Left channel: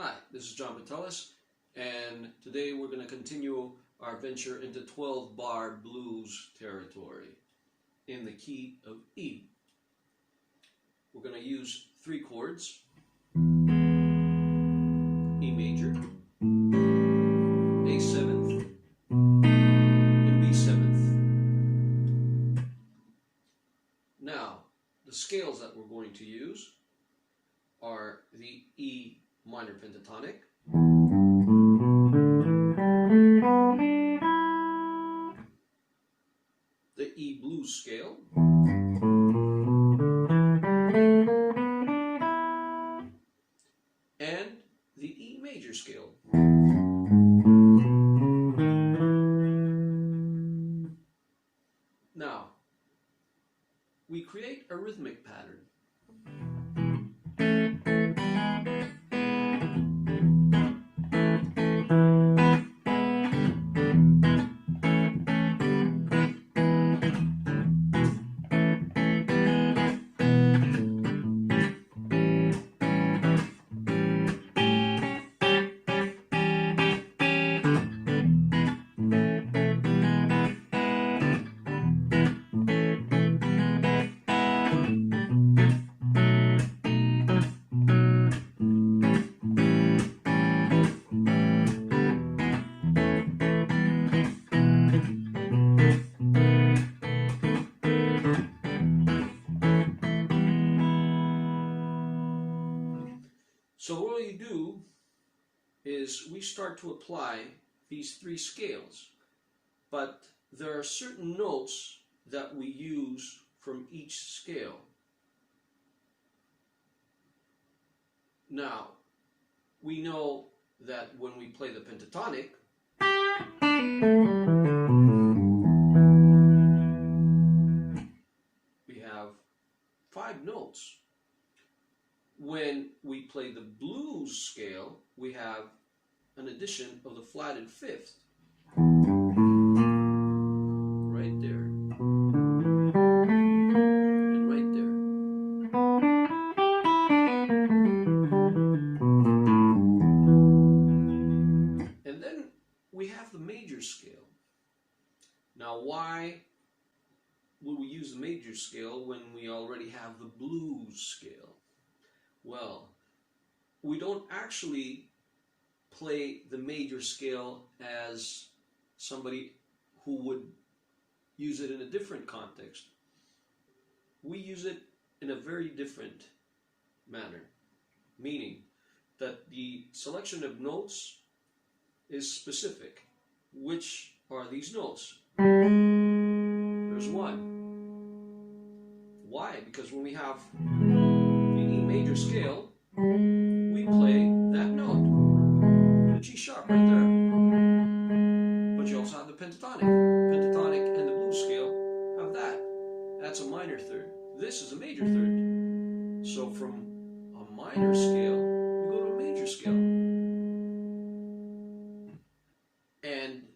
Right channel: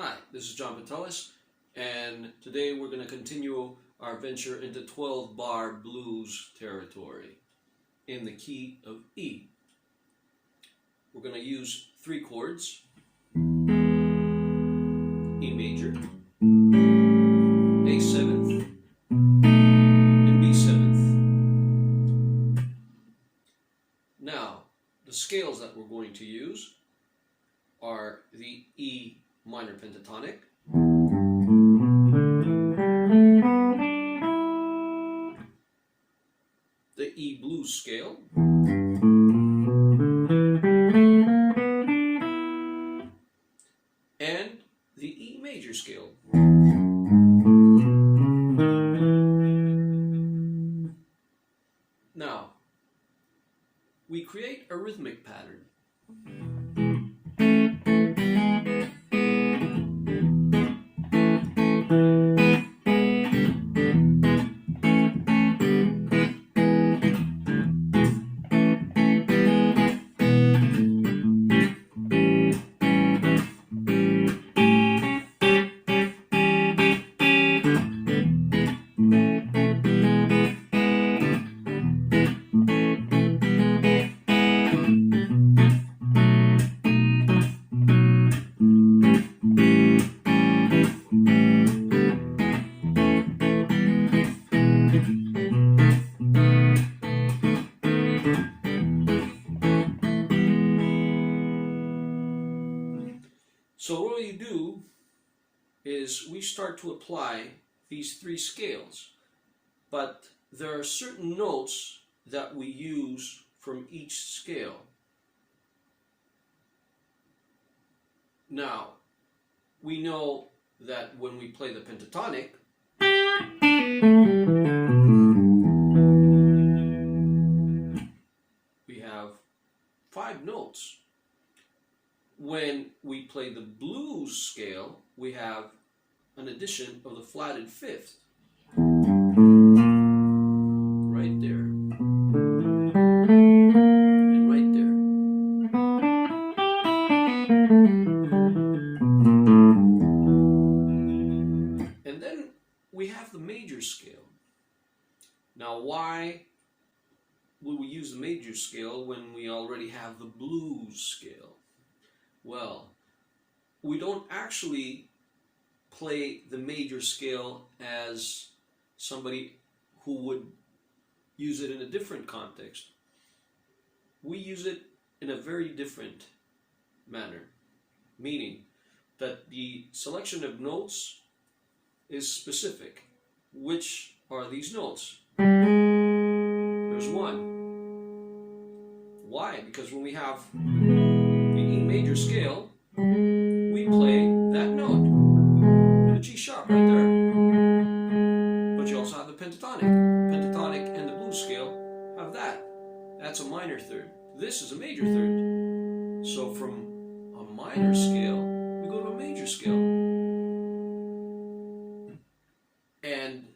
Hi, this is John Patelis, and today we're going to continue our venture into 12-bar blues territory in the key of E. We're going to use 3 chords: E major, A seventh, and B seventh. Now, the scales that we're going to use are the E minor pentatonic, the E blues scale, and the E major scale. Now, we create a rhythmic pattern. So what you do is we start to apply these 3 scales, but there are certain notes that we use from each scale. Now, we know that when we play the pentatonic, we have 5 notes. When we play the blues scale, we have an addition of the flatted 5th. Right there. And right there. And then we have the major scale. Now, why would we use the major scale when we already have the blues scale? Well, we don't actually play the major scale as somebody who would use it in a different context. We use it in a very different manner, meaning that the selection of notes is specific. Which are these notes? There's one. Why? Because when we have the E major scale, we play that note, the G sharp right there. But you also have the pentatonic. Pentatonic and the blues scale have that. That's a minor third. This is a major third. So from a minor scale, we go to a major scale. And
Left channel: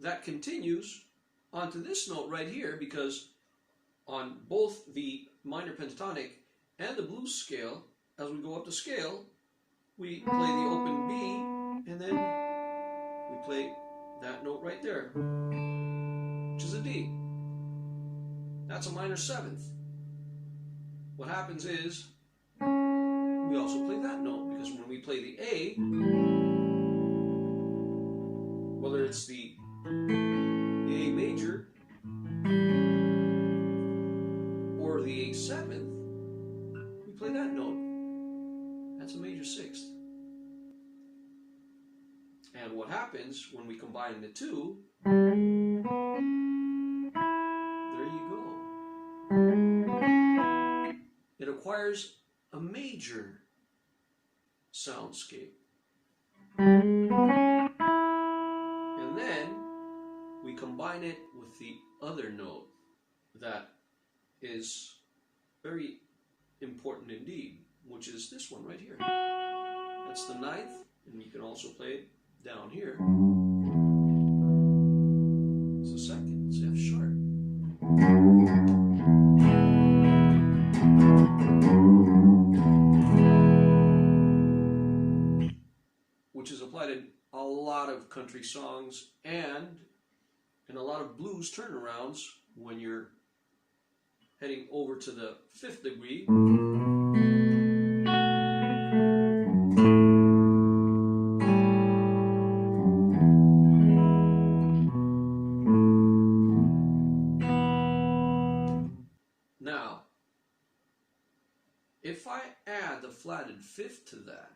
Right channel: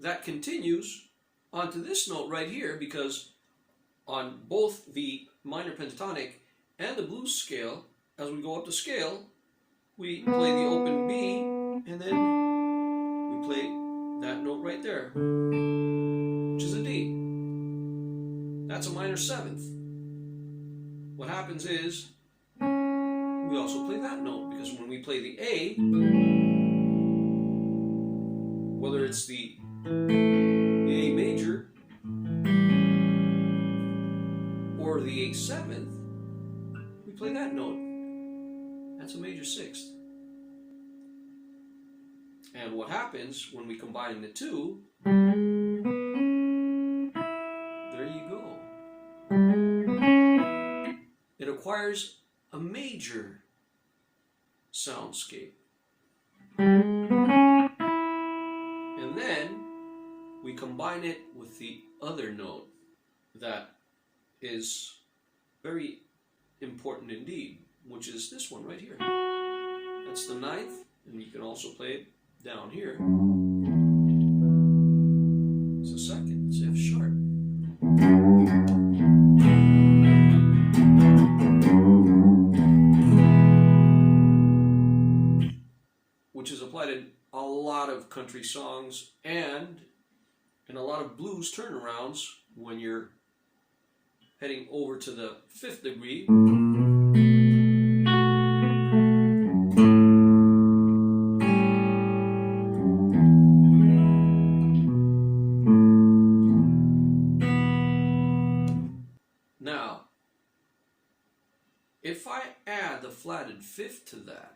that continues onto this note right here, because on both the minor pentatonic and the blues scale, as we go up the scale, we play the open B, and then we play that note right there, which is a D. That's a minor 7th. What happens is, we also play that note, because when we play the A, whether it's the A major or the A7th, we play that note. That's a major 6th. And what happens when we combine the 2, there you go. It acquires a major soundscape. And then we combine it with the other note that is very important indeed, which is this one right here. That's the 9th, and you can also play it down here. It's the 2nd, it's F sharp. applied in a lot of country songs and in a lot of blues turnarounds when you're heading over to the 5th degree. Now, if I add the flatted 5th to that,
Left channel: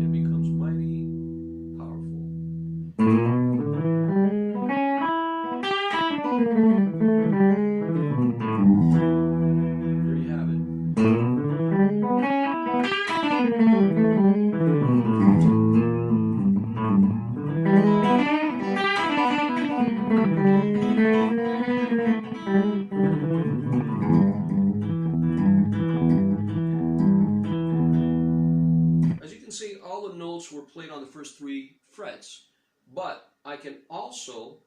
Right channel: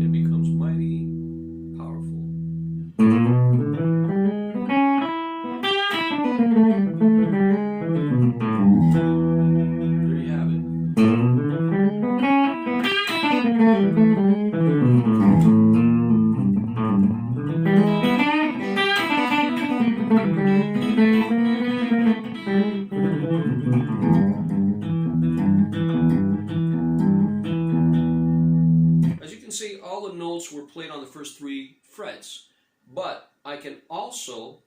it becomes mighty powerful. There you have it. As you can see, all the notes were played on the first 3 frets, but I can also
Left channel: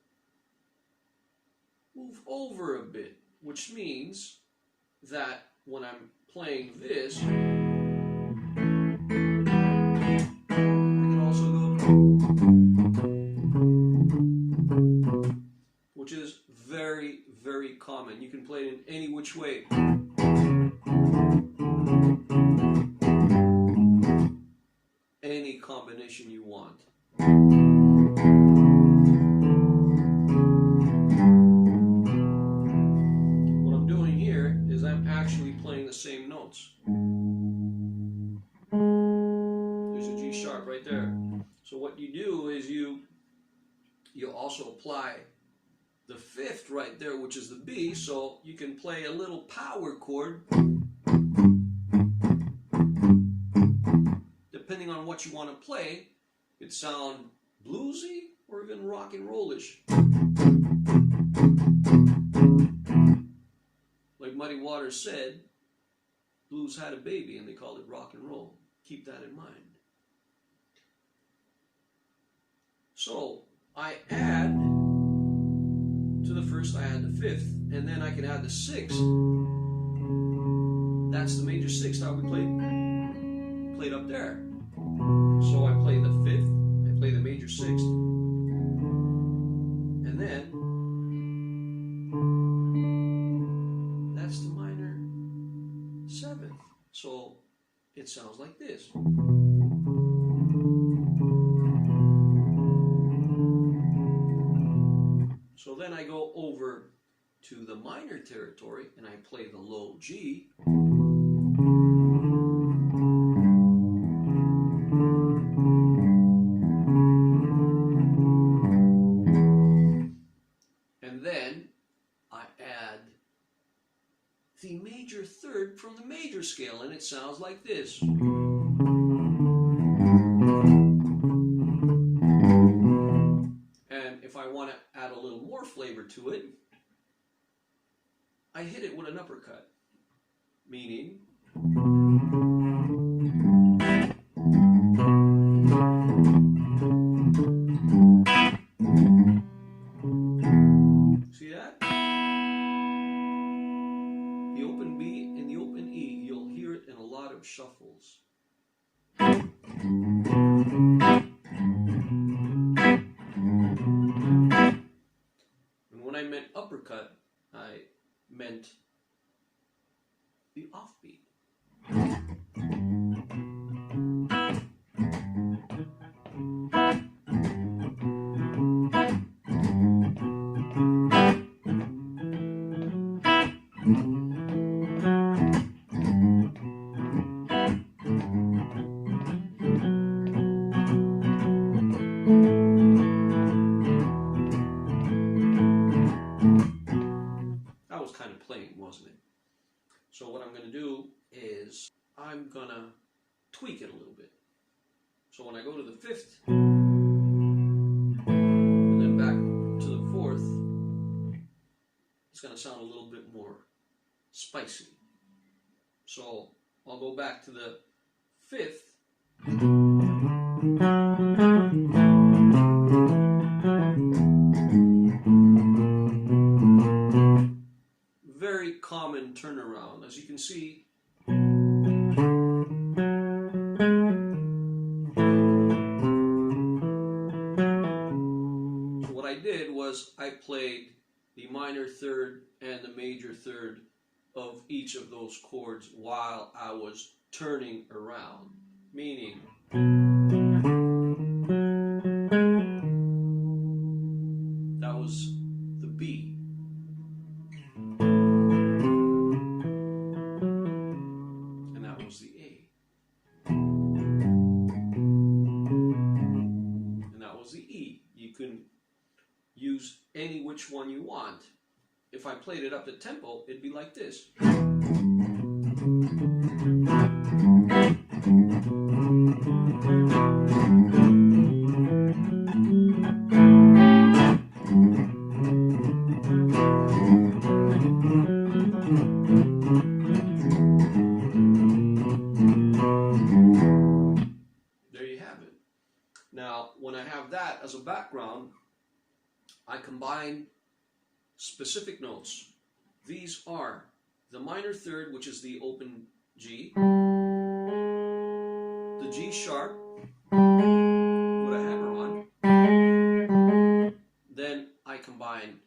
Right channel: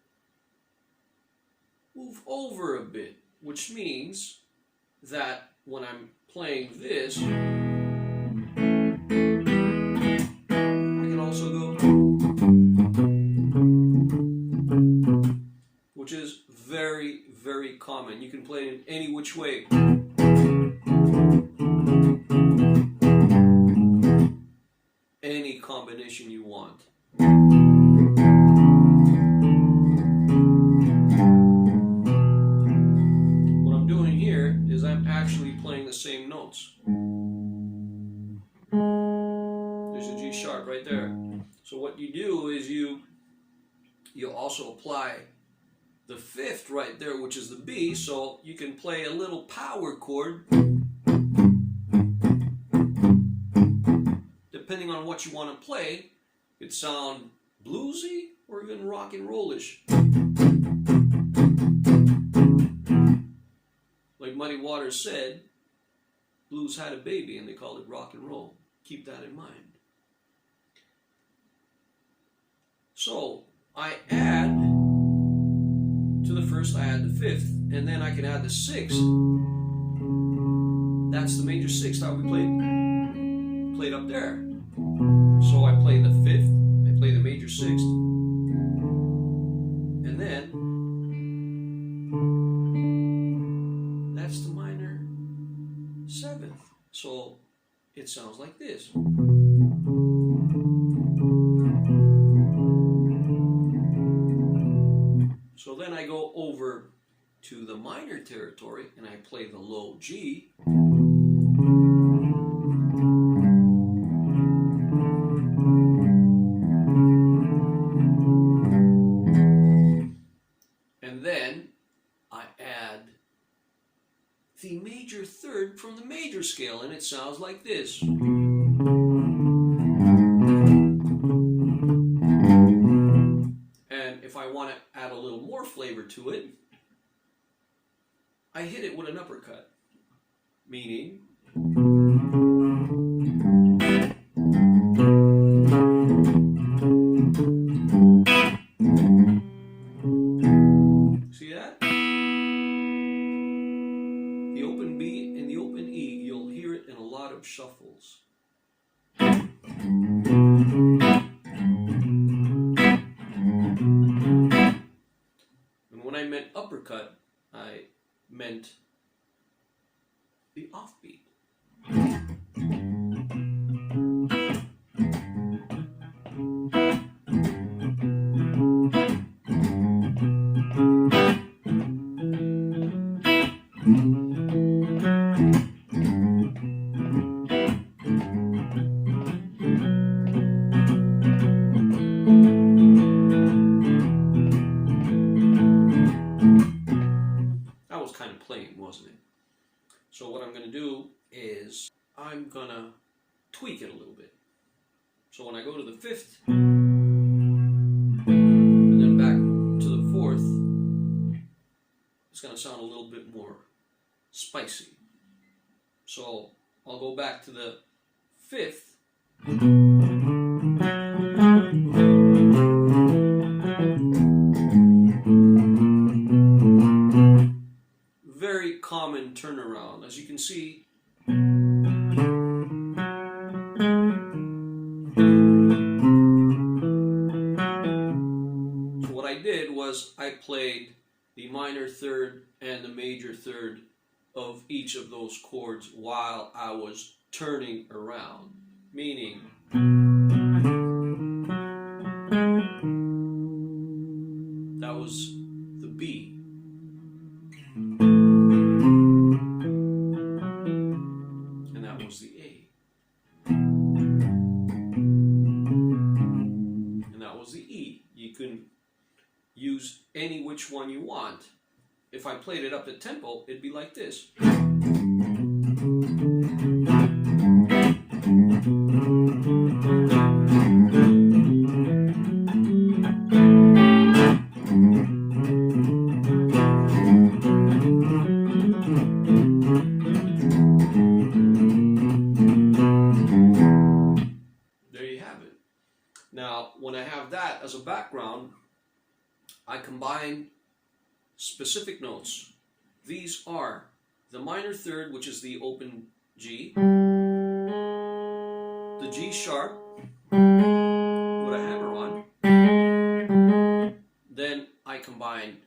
move over a bit, which means that when I'm playing this, I can also go, which is very, very common. You can play it in any which way. Any combination you want. What I'm doing here is I'm actually playing the same notes. There's a G sharp right there. So what you do is you also apply the 5th right there, which is the B, so you can play a little power chord depending on what you want to play. It sound bluesy or even rock and rollish. Like Muddy Waters said, blues had a baby and they called it rock and roll. Keep that in mind. So I add to the 1st, I add the 5th, and then I can add the 6th. That's the major 6th how we played up there. So I play the 5th, I play the major 6th, and then that's the minor 7th. So it sounds like this. So then I go over to the minor territory and I play the low G. And then I add the major 3rd from the major scale, and it sounds like this. Flavor to it, I hit it with an uppercut, meaning see that? The open B and the open E, you'll hear it in a lot of shuffles. Uppercut, I meant the offbeat. So what I'm going to do is I'm going to tweak it a little bit. So when I go to the 5th and then back to the 4th, it's going to sound a little bit more spicy. So I'll go back to the 5th. Very common turnaround. As you can see, so what I did was I played the minor third and the major third of each of those chords while I was turning around, meaning that was the B, and that was the A, and that was the E. You can use any which one you want. If I played it up to tempo, it'd be like this. There you have it. Now, when I have that as a background, I combine specific notes. These are the minor third, which is the open G, the G sharp with a hammer on. Then I combine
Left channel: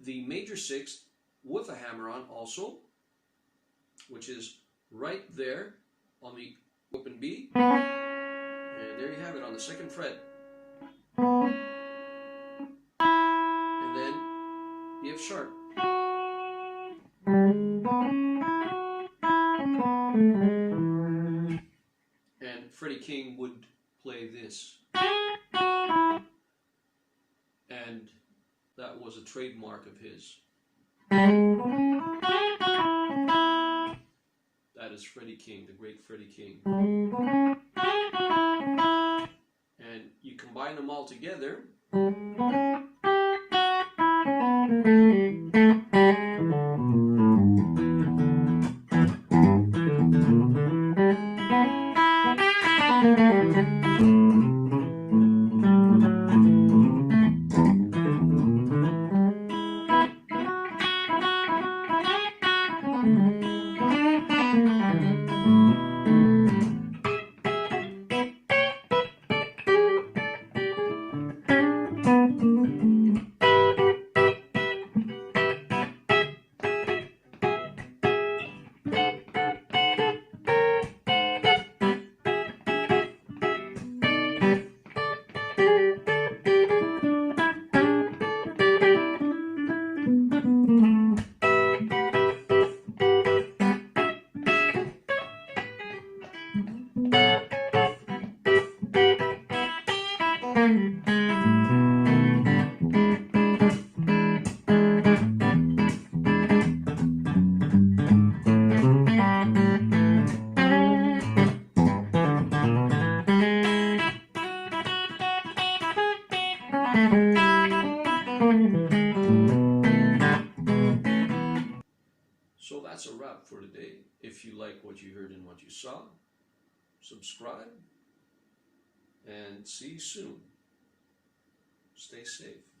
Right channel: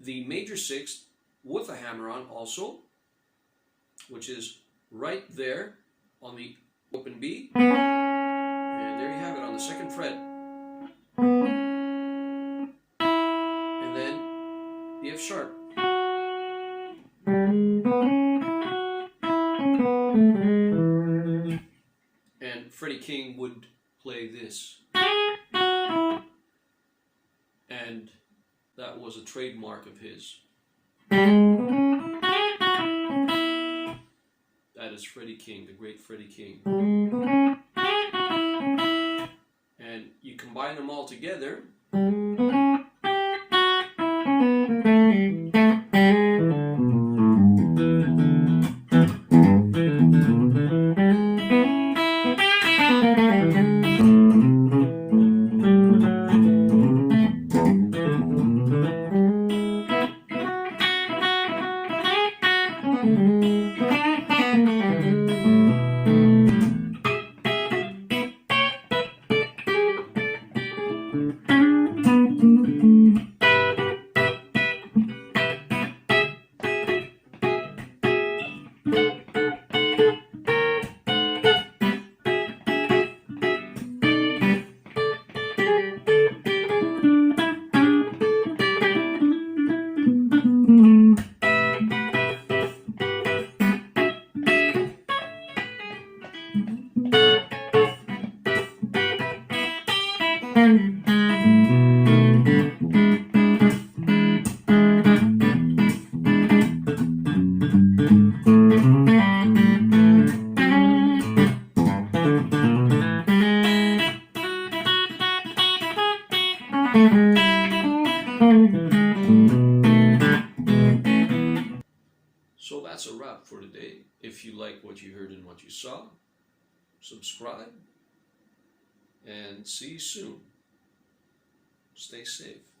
the major sixth with a hammer on also, which is right there on the open B. And there you have it on the second fret. And then the F sharp. And Freddie King would play this. And that was a trademark of his. That is Freddie King, the great Freddie King. And you combine them all together. So that's a wrap for today. If you like what you heard and what you saw, subscribe and see you soon. Stay safe.